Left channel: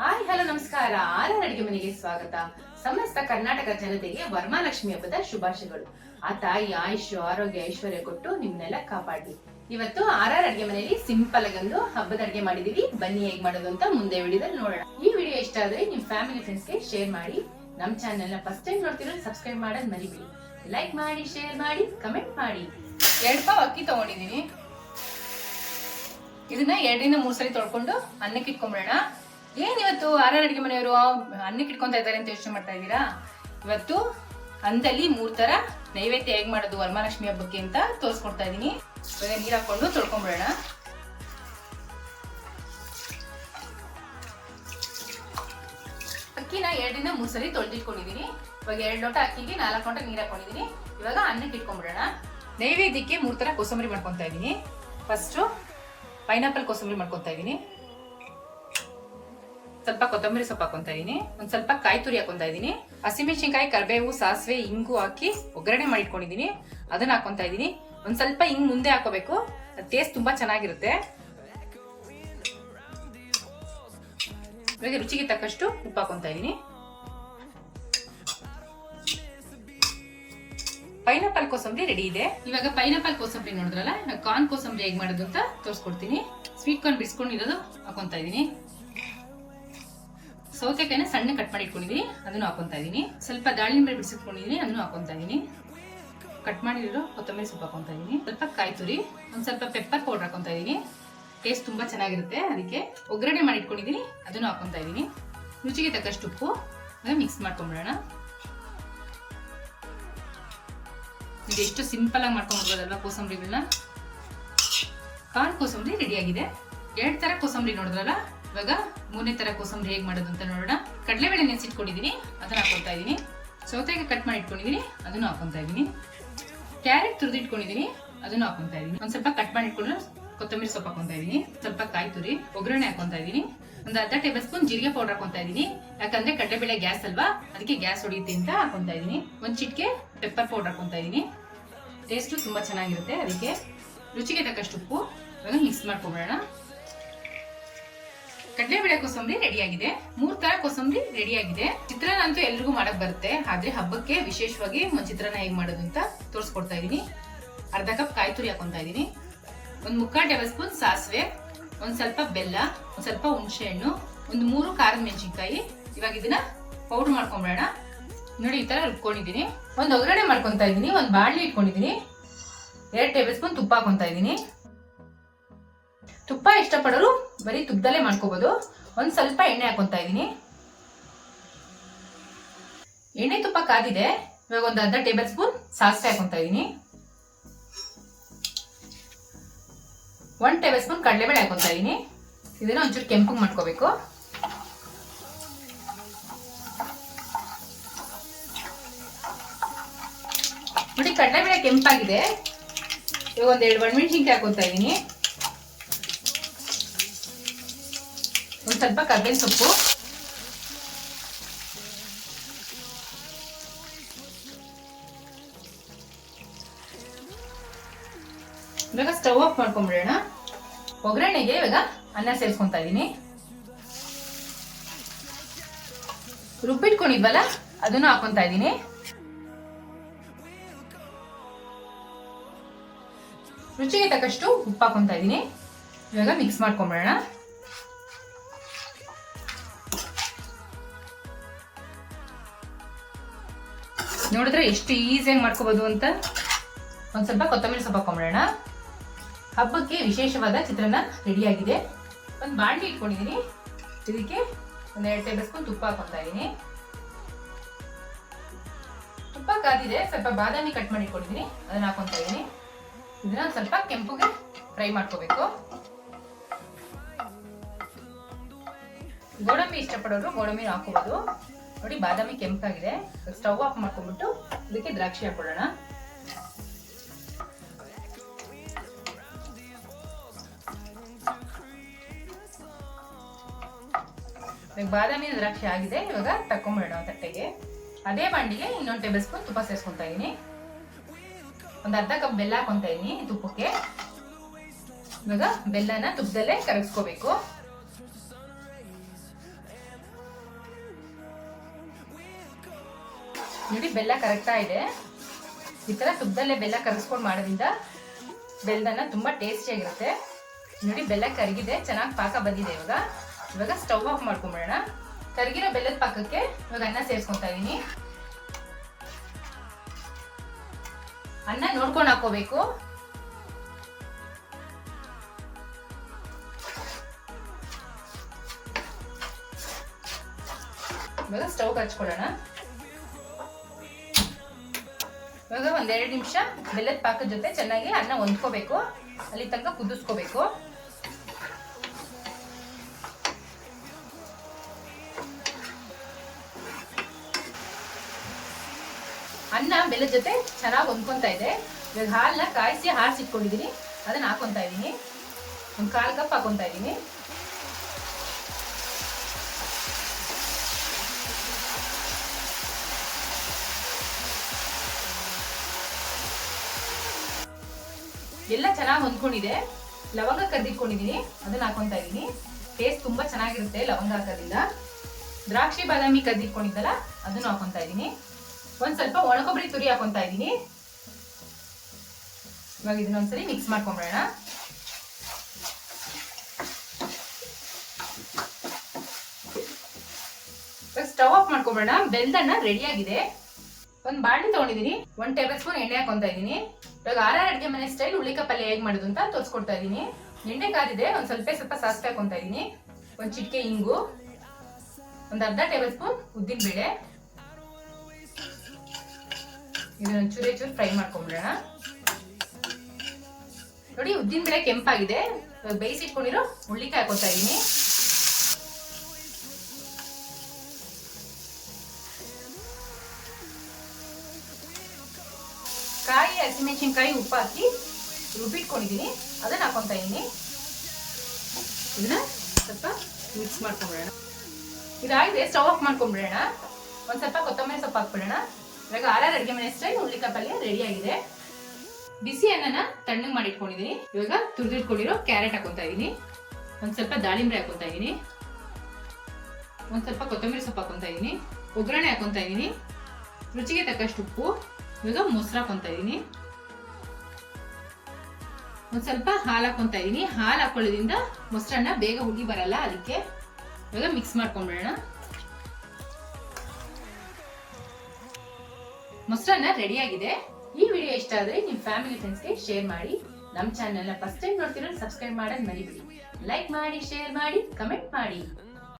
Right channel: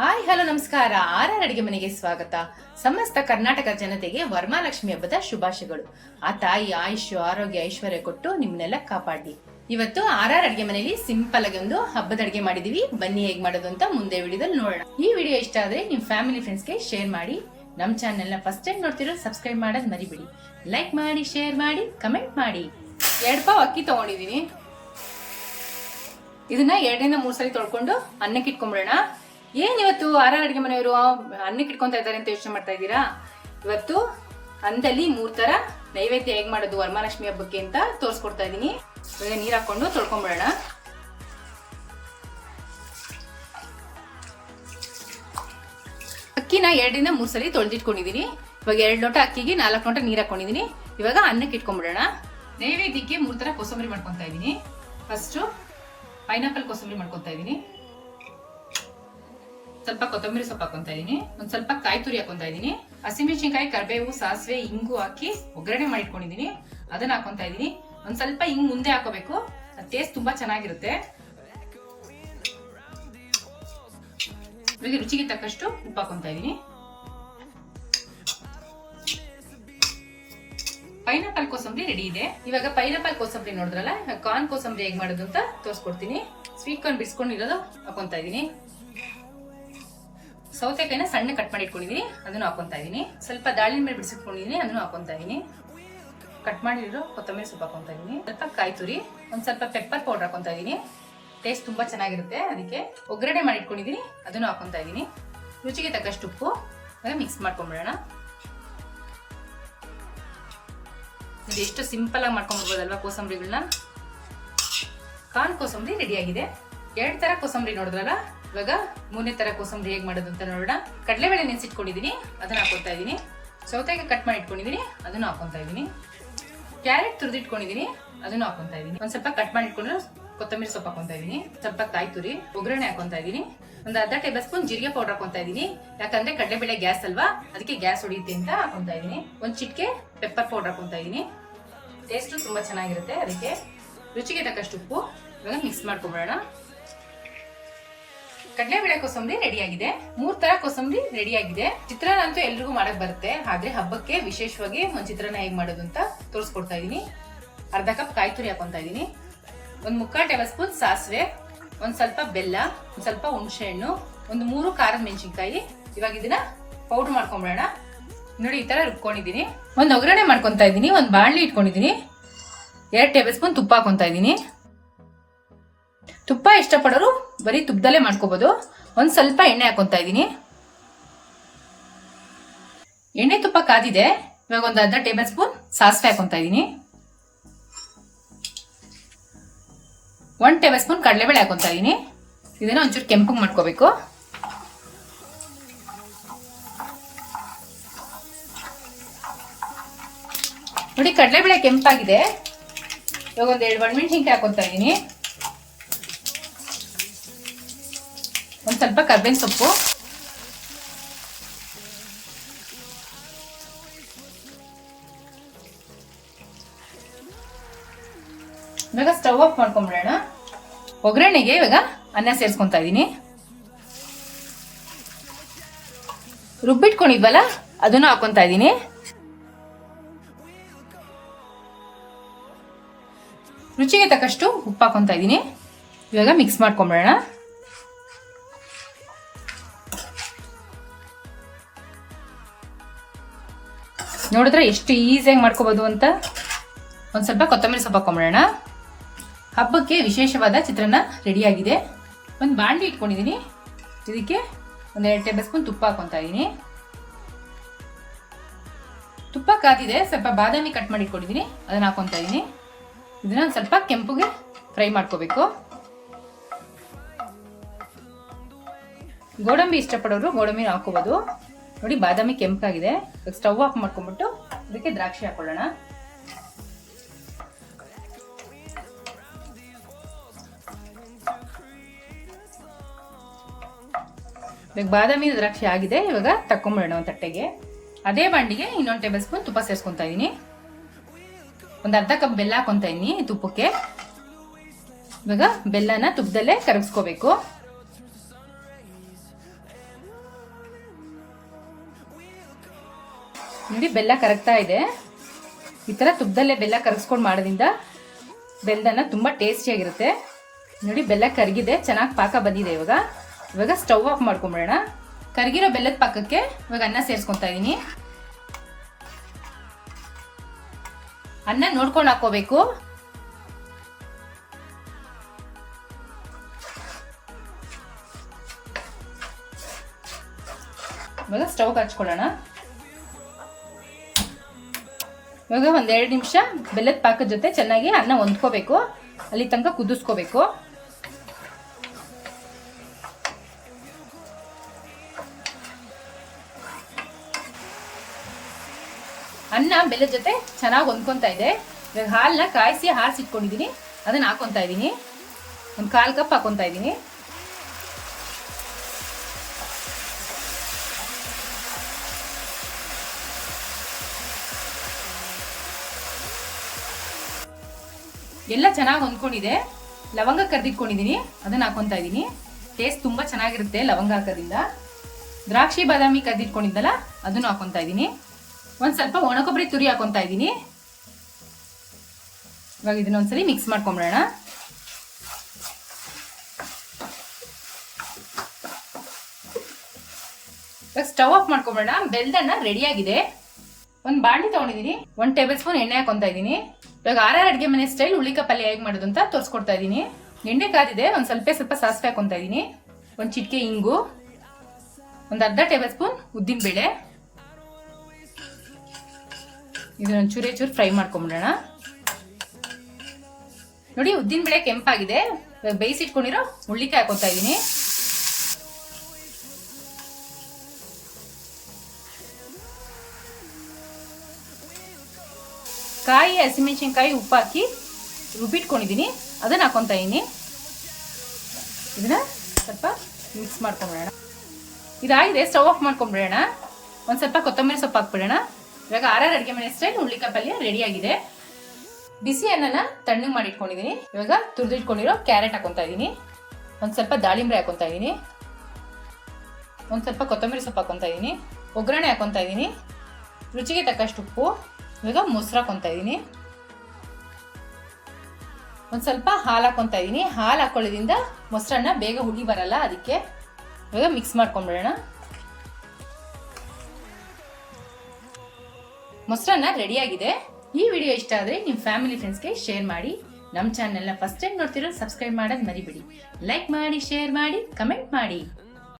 Hi hello ನಮಸ್ಕಾರ. RR ಅಡಿಗೆ ಮನೆಗೆ ಸ್ವಾಗತ. ಸಮಸ್ತ ಕರ್ನಾಟಕ ಜನತೆಗೆ ವರಮಹಾಲಕ್ಷ್ಮಿ ಹಬ್ಬದ ಶುಭಾಶಯಗಳು. ಆ ತಾಯಿ ಆಯುಷ್ಯ ಆರೋಗ್ಯ ಐಶ್ವರ್ಯ ಕೊಟ್ಟು ನಿಮ್ನೆಲ್ಲ ಕಾಪಾಡಿ. ಇವತ್ತು ಆರ್ಆರ್ ಅಡಿಗೆ ಮನೆಯಲ್ಲಿ ಸಿಂಪಲ್ ಆಗಿ ಒಂದು ಹಬ್ಬದ ಅಡಿಗೆ ಮಾಡಿದೀವಿ. ಬನ್ನಿ ಹೇಗ್ ಮಾಡೋದು ಅಂತ ಮುಂದೆ ವಿಡಿಯೋದಲ್ಲಿ ನೋಡೋಣ. ಈ ವಿಡಿಯೋ ಇಷ್ಟ ಆದ್ರೆ ನಿಮ್ ಫ್ಯಾಮಿಲಿ ಫ್ರೆಂಡ್ಸ್ಗೆ ಶೇರ್ ಮಾಡಿ. ನಮ್ ಚಾನೆಲ್ ನ ಫಸ್ಟ್ ಟೈಮ್ ನೋಡ್ತಿರೋ ಸಬ್ಸ್ಕ್ರೈಬ್ ಮಾಡೋದ್ ಮರಿಬೇಡಿ. ಲೈಕ್ ಮಾಡಿ, ಶೇರ್ ಮಾಡಿ, ಕಮೆಂಟ್ ಮಾಡಿ. 2 ಪಾವ್ ಅಕ್ಕಿ ತಗೊಂಡಿದೀನಿ. ಇದನ್ನ 2ರಿಂದ 3 ಸರಿ ತೊಳ್ಕೊಂಡು ಅನ್ನಕ್ಕೆ ಇಟ್ಕೊಂಡ್ಬಿಡೋಣ. ಏನ್ ಇವತ್ತು ಆರ್ಆರ್ ಅಡಿಗೆ ಮನೆಯವರು ಅನ್ನಕ್ಕೆ ಇಟ್ಕೊಂತ ಇದ್ದಾರೆ ಅಂತ ಯೋಚನೆ ಮಾಡ್ತಾ ಇದ್ದೀರಾ? ಇವತ್ತು ಅನ್ನದಲ್ಲಿ 3 ತರ ನೈವೇದ್ಯ ಹೇಗ್ ಮಾಡೋದು ವರಮಹಾಲಕ್ಷ್ಮಿ ಹಬ್ಬಕ್ಕೆ ಅಂತ ತೋರಿಸ್ಕೊಡ್ತಾ ಇದೀನಿ. ಇವಾಗ ನೀರ್ ಹಾಕೊಂಡು ತೊಳ್ಕೊಂಡ್ಬಿಡೋಣ. ಅಕ್ಕಿನ 2ರಿಂದ 3 ಸರಿ ತೊಳೆದಿಟ್ಕೊಂಡಿದೀನಿ. ಇವಾಗ 2 ಲೋಟ ಅಕ್ಕಿಗೆ 4 ಲೋಟ ನೀರ್ ಹಾಕೊಂಡಿದೀನಿ. ಇವಾಗ ಅನ್ನಕ್ಕೆ ಇಟ್ಕೊಂಡ್ಬಿಡೋಣ. ನೈವೇದ್ಯಕ್ಕೆ 3 ತರ ಕೋಸಂಬರಿ ಮಾಡ್ಕೊಂತ ಇದೀನಿ. ಫಸ್ಟ್ ಪೈನಾಪಲ್ ಕೋಸಂಬರಿ ಮಾಡ್ಕೊಂತ ಇದೀನಿ. ಸ್ವಲ್ಪ ಕೊತ್ತಂಬರಿ ಸೊಪ್ಪು ಹಾಕೊಂತ ಇದೀನಿ. ಒಂದ್ ಸ್ವಲ್ಪ ಕಾಯಿ ತುರಿ ಹಾಕೊಂತ ಇದೀನಿ. ಹಸಿಮೆಣಸಿನಕಾಯಿ, ಕರಿಬೇವು, ಸಾಸಿವೆ, ಇಂಗು ಹಾಕಿ ಒಗ್ಗರಣೆ ಮಾಡಿಟ್ಕೊಂಡಿದೀನಿ. ಅದನ್ನ ಹಾಕೊಂತ ಇದೀನಿ. ಒಂದ್ ಸ್ವಲ್ಪ ಹಿಂಗ್ ಮುಂದೆ ಹಾಕೋಬೇಕು, ಟೇಸ್ಟ್ ತುಂಬಾ ಚೆನ್ನಾಗಿರುತ್ತೆ. ಇವಾಗ ರುಚಿಗೆ ತಕ್ಕಷ್ಟು ಉಪ್ಪು ಹಾಕೊಂತ ಇದೀನಿ. ಪೈನಾಪಲ್ ಕೋಸಂಬರಿ ರೆಡಿ ಇದೆ. ಇವಾಗ ಪೈನಾಪಲ್ ಕೋಸಂಬರಿ ನೋಡಿದ್ರಲ್ಲ, ಕಾರ್ನ್ ಕೋಸಂಬರಿ ಹೇಗ್ ಮಾಡೋದು ಅಂತ ತೋರಿಸ್ಕೊಡ್ತೀನಿ. ಸ್ವೀಟ್ ಕಾರ್ನ್ ಬಿಡಿಸ್ಕೊಂಡಿರೋದು ಹಾಕೊಂತ ಇದೀನಿ. ಸೌತೆಕಾಯಿನ ಸಣ್ಣ ಕಟ್ ಮಾಡಿ ಇಟ್ಕೊಂಡಿದೀನಿ, ಅದನ್ನು ಹಾಕೊಂತ ಇದೀನಿ. ಸ್ವಲ್ಪ ದಾಳಿಂಬೆ ಬಿಡಿಸಿಟ್ಕೊಂಡಿದೀನಿ, ಅದನ್ನು ಹಾಕೊಂತ ಇದೀನಿ. ಕಟ್ ಮಾಡಿರೋ ಕೊತ್ತಂಬರಿ ಸೊಪ್ಪು ಹಾಕೊಂತ ಇದೀನಿ. ಸ್ವಲ್ಪ ಕಾಯಿ ತುರಿ, ಒಂದ್ ಸ್ವಲ್ಪ ಪೆಪ್ಪರ್ ಪೌಡರ್ ಹಾಕೊಂತ ಇದೀನಿ. ಟೇಸ್ಟ್ ತುಂಬಾ ಚೆನ್ನಾಗಿರುತ್ತೆ, ಅದಕ್ಕೆ ಒಗ್ಗರಣೆ ಮಾಡಿ ಇಟ್ಕೊಂಡಿದೀನಿ, ಅದನ್ನು ಹಾಕೊಂತ ಇದೀನಿ. ರುಚಿಗೆ ತಕ್ಕಷ್ಟು ಉಪ್ಪು. ಮಿಕ್ಸ್ ಮಾಡ್ಕೊಂಡ್ಬಿಡೋಣ. ಇದು ಎಷ್ಟು ಸಿಂಪಲ್ ಆಗಿ ಮಾಡ್ಕೊಂಡ್ಬಿಡ್ಬೋದಲ್ವಾ ಕೋಸಂಬರಿಗಳನ್ನ. ಕಾರ್ನ್ ಕೋಸಂಬರಿ ರೆಡಿ ಆಗಿದೆ. 2 ತರ ಕೋಸಂಬರಿ ನೋಡಿದ್ರಲ್ಲ, ಇವಾಗ 3ನೇ ತರ ಕೋಸಂಬರಿ ಹೇಗ್ ಮಾಡೋದು ಅಂತ ನೋಡೋಣ. ಕಡಲೆಬೇಳೆ ನೆನೆಸಿಟ್ಕೊಂಡಿದೀನಿ, ಅದನ್ನ ಹಾಕೊಂತ ಇದೀನಿ. ಸೌತೆಕಾಯಿ ಕಟ್ ಮಾಡಿ ಇಟ್ಕೊಂಡಿದೀನಿ, ಅದನ್ನು ಹಾಕೊಂತ ಇದೀನಿ. ಕ್ಯಾರೆಟ್ ತುರಿದಿಟ್ಕೊಂಡಿದೀನಿ, ಅದನ್ನು ಹಾಕೊಂತ ಇದೀನಿ. ಒಂದ್ ಸ್ವಲ್ಪ ಕಟ್ ಮಾಡಿ ಇಟ್ಕೊಂಡು ಕೊತ್ತಂಬರಿ ಸೊಪ್ಪು ಹಾಕೊಂತ ಇದೀನಿ. ಸ್ವಲ್ಪ ಕಾಯಿ ತುರಿ, ಒಗ್ಗರಣೆ ಹಾಕೊಂತ ಇದೀನಿ. ಒಂದು ಅರ್ಧ ಟೇಬಲ್ ಸ್ಪೂನ್ ಜೀರಿಗೆ ಪೌಡರ್ ಹಾಕೊಂತ ಇದೀನಿ. ಯಾಕಂದ್ರೆ ಕಡಲೆಬೇಳೆ ಗ್ಯಾಸ್ ಅಲ್ವಾ, ಅದಕ್ಕೆ ಗ್ಯಾಸ್ ಹೊಡಿಯುತ್ತೆ ಅಂತ ಹಾಕೊಂತ ಇದೀನಿ. ಒಂದ್ ಚಿಟಿಕೆ ಪೆಪ್ಪರ್ ಪೌಡರ್ ಹಾಕೊಂತ ಇದೀನಿ. ಟೇಸ್ಟ್ ತುಂಬಾ ಚೆನ್ನಾಗಿರುತ್ತೆ, ಅದಕ್ಕೆ ರುಚಿಗೆ ತಕ್ಕಷ್ಟು ಉಪ್ಪು. ಇವಾಗ ಮಿಕ್ಸ್ ಮಾಡ್ಕೊಬೇಡ. ಕಡಲೆಬೇಳೆ ಕೋಸಂಬರಿ ರೆಡಿ ಆಗಿದೆ. 3 ತರ ಕೋಸಂಬರಿ ರೆಡಿ ಆಗಿದೆ. ಚಿತ್ರಾನ್ನ ಅಂತೂ ಎಲ್ರಿಗೂ ಮಾಡಕ್ ಬರುತ್ತೆ, ಆದ್ರೆ ಹಬ್ಬಕ್ಕೆ ವಿಶೇಷವಾಗಿ ಚಿತ್ರಾನ್ನ ಹೇಗ್ ಮಾಡೋದು ಅಂತ ತೋರಿಸ್ಕೊಡ್ತಾ ಇದೀನಿ. ಅರ್ಧ ಕಪ್ ಕಾಯಿ ತುರಿ ಹಾಕೊಂತ ಇದೀನಿ. ಒಂದ್ 3/4 ಟೇಬಲ್ ಸ್ಪೂನ್ ಸಾಸಿವೆ, ಒಂದ್ ಸ್ವಲ್ಪ ಬೆಲ್ಲ, ಒಂದ್ ಸ್ವಲ್ಪ ಹುಣಸೆ ಹಣ್ಣು, ಒಂದ್ 3 ಖಾರದ ಮೆಣಸಿನಕಾಯಿ. ಇವಾಗ ಇದನ್ನ ಪೌಡರ್ ಮಾಡ್ಕೊಂಡ್ಬಿಡೋಣ. ನೋಡಿ, ಈ ತರ ರುಬ್ಕೊಂಡಿದೀನಿ. ಒಂದ್ ಒಗ್ಗರಣೆ ಮಾಡ್ಕೊಂತ ಇದೀನಿ. ಒಂದ್ ಬಾಳ್ಳಿ ಇಟ್ಕೊಂಡಿದೀನಿ. 2 ಟೇಬಲ್ ಸ್ಪೂನ್ ತುಪ್ಪ ಹಾಕೊಂತ ಇದೀನಿ. ತುಪ್ಪ ಇಷ್ಟಪಡೋರು ಬರೀ ತುಪ್ಪದಲ್ಲೇ ಮಾಡ್ಕೋಬಹುದು. ಒಂದ್ ಸ್ವಲ್ಪ ಎಣ್ಣೆ ಹಾಕೊಂತ ಇದೀನಿ. ಎಣ್ಣೆ ತುಪ್ಪ ಕಾದಿದೆ. ಇವಾಗ ಒಂದ್ ಅರ್ಧ ಟೇಬಲ್ ಸ್ಪೂನ್ ಸಾಸಿವೆ ಹಾಕೊಂತ ಇದೀನಿ. 1 ಟೇಬಲ್ ಸ್ಪೂನ್ ಕಡಲೆಬೇಳೆ ಹಾಕೊಂತ ಇದೀನಿ. ಇದನ್ನ ಒಂಚೂರು ಕೆಂಪು ಮಾಡ್ಕೋಬೇಕು. ನೋಡಿ, ಕಡಲೆಬೇಳೆ ಕೆಂಪಾಗಿದೆ. ಇವಾಗ ಒಂದ್ 2 ಒಣಮೆಣಸಿನಕಾಯಿ ಹಾಕೊಂತ ಇದೀನಿ. ಒಂದ್ ಸ್ವಲ್ಪ ಕರ್ಬೇವಿನ ಸೊಪ್ಪು, ಇವಾಗ ಸ್ಟವ್ ಆಫ್ ಮಾಡ್ಕೊಂಡ್ಬಿಡೋಣ. ಒಗ್ಗರಣೆಗೆ ಇವಾಗ ಅನ್ನ ಸೇರಿಸ್ಕೊಂತ ಇದೀನಿ. ರುಬ್ಬಿಟ್ಕೊಂಡಿದ್ವಲ್ಲ, ಅದನ್ನು ಹಾಕೊಂತ ಇದೀನಿ. ರುಚಿಗೆ ತಕ್ಕಷ್ಟು ಉಪ್ಪು ಹಾಕೊಂತ ಇದೀನಿ. ಇವಾಗ ಮಿಕ್ಸ್ ಮಾಡ್ಕೊಂಡ್ಬಿಡೋಣ. ನೋಡಿದ್ರೆ ಎಷ್ಟು ಈಸಿಯಾಗಿ ಮಾಡ್ಕೋಬಹುದು ಅಂತ. ಒಂದ್ ಸ್ವಲ್ಪ ಕೊತ್ತಂಬರಿ ಸೊಪ್ಪು ಹಾಕೊಂಡ್ಬಿಡೋಣ. ಹಬ್ಬಕ್ಕೆ ವಿಶೇಷವಾದ ಚಿತ್ರಾನ್ನ ರೆಡಿ ಆಗಿದೆ. ಒಂದು ಬಾಂಡ್ಲಿ ಇಟ್ಕೊಂಡಿದೀನಿ. ಇದಕ್ಕೆ ಒಂದ್ 2 ಟೇಬಲ್ ಸ್ಪೂನ್ ತುಪ್ಪ ಹಾಕೊಂತ ಇದೀನಿ. ತುಪ್ಪ ಕಾದಿದೆ. ಸ್ವಲ್ಪ ಬಾದಾಮಿ ಕಟ್ ಮಾಡಿ ಇಟ್ಕೊಂಡಿದೀನಿ, ಅದನ್ನ ಹಾಕೊಂತ ಇದೀನಿ. ಇದನ್ನ ಒಂದ್ ಸ್ವಲ್ಪ ಕೆಂಪುಗೆ ಫ್ರೈ ಮಾಡ್ಕೋಬೇಕು. ಗೋಡಂಬಿ ಇಷ್ಟಪಡೋರು ಗೋಡಂಬಿನ ಹಾಕೋಬಹುದು. ನೋಡಿ, ಬಾದಾಮಿ ಕೆಂಪಾಗಿದೆ. ಸ್ಟವ್ ಆಫ್ ಮಾಡ್ಕೊಂಡ್ಬಿಟ್ಟು ಇದಕ್ಕೆ ದ್ರಾಕ್ಷಿ ಹಾಕೊಳ್ಳೋಣ. ಇವಾಗ ಬಾದಾಮಿ ದ್ರಾಕ್ಷಿ ಆಗಿದೆ. ಇವಾಗ ತಕೊಂಡ್ಬಿಡೋಣ ಒಂದು ತಟ್ಟೆಗೆ. ಅದೇ ಬಾಂಡಿಗೆ ಇನ್ನೊಂದು ಟೇಬಲ್ ಸ್ಪೂನ್ ತುಪ್ಪ ಸೇರಿಸ್ಕೊಂತ ಇದೀನಿ. ಒಂದು ಅರ್ಧ ಕಪ್ ಬೆಲ್ಲ ಹಾಕೊಂತ ಇದೀನಿ ತುಪ್ಪಕ್ಕೆ. ಇವಾಗ ಬೆಲ್ಲನ ತುಪ್ಪದಲ್ಲೇ ಕರಗಿಸ್ಕೋಬೇಕು. ನೋಡಿ ಬೆಲ್ಲ ಕರಗ್ತಾ ಇದೆ. ಈ ಥರ ತುಪ್ಪದಲ್ಲೇ ಬೆಲ್ಲ ಕರಗಿಸ್ಕೊಂಡು ಮಾಡೋದ್ರಿಂದ ಬೆಲ್ಲನ ತುಂಬ ಟೇಸ್ಟಿಯಾಗಿರುತ್ತೆ. ನೋಡಿ ಬೆಲ್ಲ ಕರಗಿದೆ, ಚೆನ್ನಾಗಿ ಪಾಕ ಬಂದಿದೆ. ಇವಾಗ ಸ್ಟವ್ ಆಫ್ ಮಾಡ್ಕೊಂಬಿಡೋಣ. ಕರಗಿರೋ ಬೆಲ್ಲದ ಪಾಕಕ್ಕೆ ಇವಾಗ ಅನ್ನ ಸೇರಿಸ್ಕೊತಾ ಇದ್ದೀನಿ. ಅನ್ನ ನೋಡ್ಕೊಂಡು ಹಾಕೋಬೇಕು. ಇವಾಗ ಸ್ಟವ್ ಹಚ್ಕೊಳ್ಳೋಣ. ಇವಾಗ 1-2 ನಿಮಿಷ ಬೆಲ್ಲದ ಪಾಕದ ಜೊತೆ ಚೆನ್ನಾಗಿ ಅನ್ನ ಹೊಂದ್ಕೋಬೇಕು, ಅಲ್ಲಿ ತನಕ ಕುದಿಸ್ಕೋಬೇಕು. ಅನ್ನ ಬೆಲ್ಲದ ಜೊತೆ ಚೆನ್ನಾಗಿ ಹೊಂದ್ಕೊತಾ ಇದೆ. ಇವಾಗ ಹಾಲನ್ನ ಕಾಯಿಸಿ ಹಾರಿಸಿಟ್ಕೊಂಡಿದ್ದೀನಿ, ಅದನ್ನ ಹಾಕೊತಾ ಇದ್ದೀನಿ. ಒಂದು 1/4 ಕಪ್ ಹಾಕೊತಾ ಇದ್ದೀನಿ. ಎಲ್ಲ ಚೆನ್ನಾಗಿ ಹೊಂದ್ಕೊಂಡಿದೆ. ಲವಂಗ ಕರ್ದಿಟ್ಕೊಂಡಿದ್ದೀನಿ, ಅದನ್ನ ಹಾಕೊತಾ ಇದ್ದೀನಿ. ಟೇಸ್ಟ್ ತುಂಬಾ ಚೆನ್ನಾಗಿರುತ್ತೆ ಲವಂಗ ಹಾಕೋದ್ರಿಂದ. ದ್ರಾಕ್ಷಿ ಬಾದಾಮಿ ಕರ್ದಿಟ್ಕೊಂಡಿದ್ದಲ್ಲ ಅದನ್ನು ಹಾಕೊತಾ ಇದ್ದೀನಿ. ಒಂದ್ ಸ್ವಲ್ಪ ಒಣಕೊಬ್ಬರಿ ತುರಿ ಹಾಕೊತಾ ಇದ್ದೀನಿ. ಇವಾಗ ಇದನ್ನ ಒಂದ್ಸಲಿ ಮಿಕ್ಸ್ ಮಾಡ್ಕೊಂಬಿಡೋಣ. ಇವಾಗ ಸ್ಟವ್ ಆಫ್ ಮಾಡ್ಕೊಂಬಿಡೋಣ. ಬೆಲ್ಲದನ್ನ ರೆಡಿ ಆಗಿದೆ. ಒಂದು ಬಾಣಲಿ ತಗೊಂಡಿದ್ದೀನಿ, 1 ಟೇಬಲ್ ಸ್ಪೂನ್ ಎಣ್ಣೆ ಹಾಕೊತಾ ಇದ್ದೀನಿ. ಇವಾಗ ಆರ್ ಅಡುಗೆ ಮನೆ ಸ್ಟೈಲ್ ಹುಳ್ಳಿಕಾಯಿ ಪಲ್ಯ ಹೇಗೆ ಮಾಡೋದು ಅಂತ ತೋರಿಸ್ಕೊಡ್ತಾ ಇದ್ದೀನಿ. ಎಣ್ಣೆ ಕಾದಿದೆ, ಒಂದು ಸ್ವಲ್ಪ ಸಾಸಿವೆ ಹಾಕೊತಾ ಇದ್ದೀನಿ. ಒಂದು ಚಿಟಿಕೆ ಇಂಗು, ಒಂದು ಅರ್ಧ ಟೇಬಲ್ ಸ್ಪೂನ್ ಉದ್ದಿನ ಬೇಳೆ. ಇದನ್ನ ಚೂರು ಫ್ರೈ ಮಾಡ್ಕೊಂಬಿಡೋಣ. ನೋಡಿ ಉದ್ದಿನ ಬೇಳೆ ಕೆಂಪಾಗಿದೆ. ಇವಾಗ ಬೇಯಿಸಿಟ್ಕೊಂಡಿರೋ ಹುಳ್ಳಿಕಾಯಿ ಹಾಕೊತಾ ಇದ್ದೀನಿ. ಕಾಯಿ, ಹಸಿಮೆಣಸಿನ್ಕಾಯಿ, ಉಪ್ಪು ಹಾಕಿ ರುಬ್ಬಿಟ್ಕೊಂಡಿದ್ದೀನಿ, ಅದನ್ನ ಹಾಕೊತಾ ಇದ್ದೀನಿ. ಇದನ್ನ ಸ್ವಲ್ಪ ಮಿಕ್ಸ್ ಮಾಡ್ಕೊಂಬಿಡೋಣ. ಇದಾಗಿದೆ, ಸ್ಟವ್ ಆಫ್ ಮಾಡ್ಕೊಂಬಿಡೋಣ. ಒಂದು ಸ್ವಲ್ಪ ಕೊತ್ತಂಬರಿ ಸೊಪ್ಪು ಹಾಕ್ಬಿಡೋಣ. ಇವಾಗ ಆರ್ ಅಡುಗೆ ಮನೆ ಸ್ಟೈಲ್ ಹುಳ್ಳಿಕಾಯಿ ಪಲ್ಯ ರೆಡಿ ಆಗಿದೆ. ಬಿಸಿ ಅನ್ನನ ತಣ್ಣಗೆ ಮಾಡಿಟ್ಕೊಂಡಿದ್ದೀನಿ. ಇವಾಗ ತುರಿದಿಟ್ಕೊಂಡಿರೋ ಕ್ಯಾರೆಟ್ ಹಾಕೊತಾ ಇದ್ದೀನಿ. ಒಂದು ಸ್ವಲ್ಪ ದಾಳಿಂಬೆ ಹಾಕೊತಾ ಇದ್ದೀನಿ. ಒಂದು ಸ್ವಲ್ಪ ಕೊತ್ತಂಬರಿ ಸೊಪ್ಪು ಹಾಕೊತಾ ಇದ್ದೀನಿ. ಒಗ್ಗರಣೆ ಹಾಕೊತಾ ಇದ್ದೀನಿ. ರುಚಿಗೆ ತಕ್ಕಷ್ಟು ಉಪ್ಪು. ಇವಾಗ ಮೊಸರು ಹಾಕೊತಾ ಇದ್ದೀನಿ. ಒಂದು ಸ್ವಲ್ಪ ಹಾಲು ಹಾಕೊತಾ ಇದ್ದೀನಿ. ಹಾಲು ಹಾಕೊಳ್ಳೋದ್ರಿಂದ ಮೊಸರನ್ನ ಬೇಗ ಹುಳಿ ಬರಲ್ಲ, ಅದಕ್ಕೆ. ಇವಾಗ ಮಿಕ್ಸ್ ಮಾಡ್ಕೊಂಡ್ಬಿಡೋಣ. ಮೊಸರನ್ನ ರೆಡಿಯಾಗಿದೆ. ಈ ವಿಡಿಯೋ ಇಷ್ಟ ಆದರೆ ನಿಮ್ಮ ಫ್ಯಾಮಿಲಿ ಫ್ರೆಂಡ್ಸ್ಗೆ ಶೇರ್ ಮಾಡಿ. ನಮ್ಮ ಚಾನೆಲ್ನ ಫಸ್ಟ್ ಟೈಮ್ ನೋಡ್ತಿರೋ ಸಬ್ಸ್ಕ್ರೈಬ್ ಮಾಡೋದು ಮರಿಬೇಡಿ. ಲೈಕ್ ಮಾಡಿ, ಶೇರ್ ಮಾಡಿ, ಕಮೆಂಟ್ ಮಾಡಿ.